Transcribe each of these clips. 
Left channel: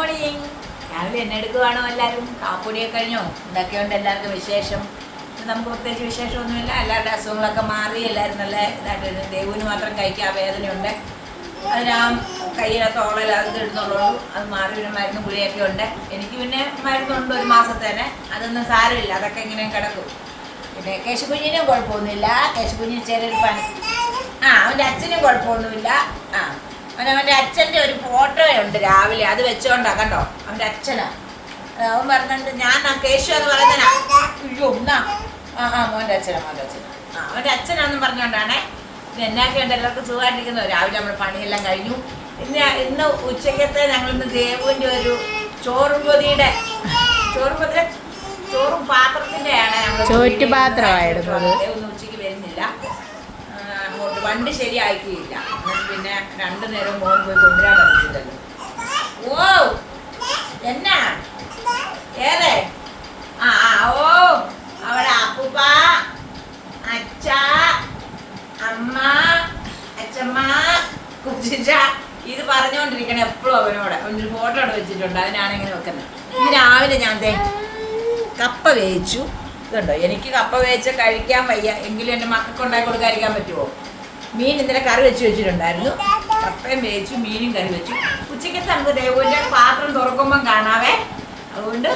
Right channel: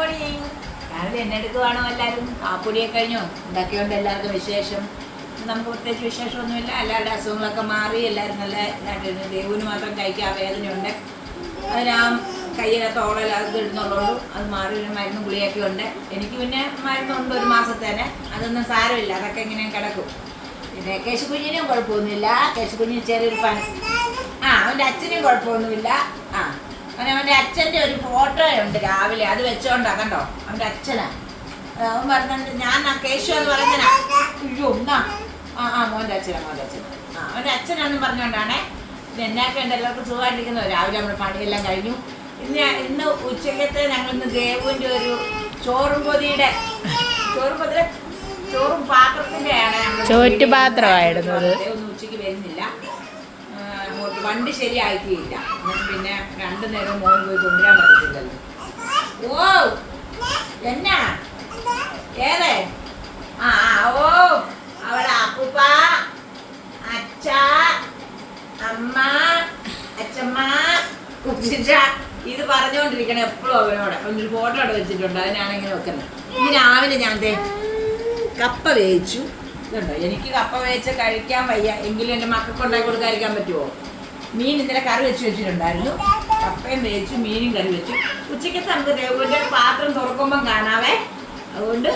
Morning. രാവിലെ എന്നെ എടുക്കുവാണോ എല്ലാവരും? കാപ്പൊടിയൊക്കെ കഴിഞ്ഞോ? എന്തൊക്കെയുണ്ട് എല്ലാവർക്കും വിശേഷം? നമുക്ക് പ്രത്യേകിച്ച് വിശേഷമൊന്നുമില്ല. എല്ലാവരുടെ അസുഖങ്ങളൊക്കെ മാറി എല്ലാവരും നല്ല ഇതായിട്ട്. ദേവുവിന് മാത്രം കഴിക്കാൻ വേദനയുണ്ട്. അതിന് ആ കയ്യിലെ തോളൽ അത് ഇടുന്നുള്ളൂ. അത് മാറി പിന്നെ മരുന്നും ഗുളിയൊക്കെ ഉണ്ട്. എനിക്ക് പിന്നെ മരുന്നുണ്ട് 1 മാസത്തേനെ. അതൊന്നും സാരമില്ല, അതൊക്കെ ഇങ്ങനെ കിടക്കും. പിന്നെ കേശുകുഞ്ഞിനും കുഴപ്പമൊന്നുമില്ല. കേശുകുഞ്ഞിന് ചെറിയൊരു പനി. അവൻ്റെ അച്ഛനും കുഴപ്പമൊന്നുമില്ല. അവൻ്റെ അച്ഛൻ്റെ ഒരു ഫോട്ടോ ഉണ്ട് രാവിലെ, അത് വെച്ചോണ്ടാ കണ്ടോ. അവൻ്റെ അച്ഛനാ. അവൻ പറഞ്ഞിട്ട് ഞാൻ കേശു എന്ന് പറയുന്ന മോൻ്റെ അച്ഛനാ. അവൻ്റെ അച്ഛനാണെന്ന് പറഞ്ഞുകൊണ്ടാണേ. പിന്നെ എന്നൊക്കെ ഉണ്ട്, എല്ലാവർക്കും സുഖമായിട്ടിരിക്കുന്നു. രാവിലെ നമ്മൾ പണിയെല്ലാം കഴിഞ്ഞു. ഇന്ന് ഉച്ചക്കത്തെ ഞങ്ങളിന്ന് ദേവുവിൻ്റെ ഒരു ചോറും പാത്രത്തിൻ്റെ ആണ്. ചോറ്റുപാത്രമായിരുന്നു അത്. ഒന്നും ഉച്ചയ്ക്ക് വരുന്നില്ല. വണ്ടി ശരിയാക്കിയില്ല. പിന്നെ 2 നേരം മോൻ പോയി കൊണ്ടുവരാൻ പറ്റത്തില്ലല്ലോ. ഓ എന്നാ ഏതേ ഓ അവിടെ അപ്പൂപ്പ, അച്ഛ, അമ്മ, അച്ഛമ്മ, കുച്ചിച്ച ഇത് പറഞ്ഞുകൊണ്ടിരിക്കണം എപ്പോഴും അവനോട്. അവനൊരു ഫോട്ടോ അവിടെ വെച്ചിട്ടുണ്ട്, അതിനാണെങ്കിൽ വെക്കുന്നത്. ഈ രാവിലെ ഞാൻ കപ്പ വേവിച്ചു. ഇതുണ്ടോ, എനിക്ക് കപ്പ വേവിച്ച് കഴിക്കാൻ വയ്യ, എങ്കിലും എൻ്റെ മക്കൾക്ക് ഉണ്ടാക്കി കൊടുക്കാതിരിക്കാൻ പറ്റുമോ? മീൻ ഇന്നലെ കറി വെച്ചിട്ടുണ്ടായിരുന്നു. കപ്പയും വേവിച്ചു, മീനും കറി വെച്ചു. ഉച്ചയ്ക്കത്തെ നമുക്ക് ദേവുവിൻ്റെ പാത്രം തുറക്കുമ്പം കാണാവേ. അതുകൊണ്ട്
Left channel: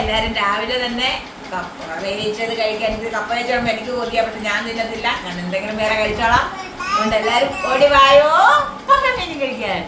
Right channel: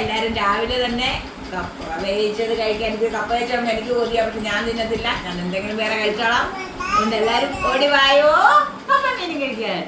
എല്ലാവരും രാവിലെ തന്നെ കപ്പ വേവിച്ചത് കഴിക്കാൻ. എനിക്ക് കപ്പ വേവിച്ചോളും എനിക്ക് കൊതിയാ, പക്ഷെ ഞാൻ തിന്നത്തില്ല. ഞാൻ എന്തെങ്കിലും വേറെ കഴിച്ചോളാം. അതുകൊണ്ട് എല്ലാവരും ഓടി വായോ കപ്പ മീനും കഴിക്കാൻ.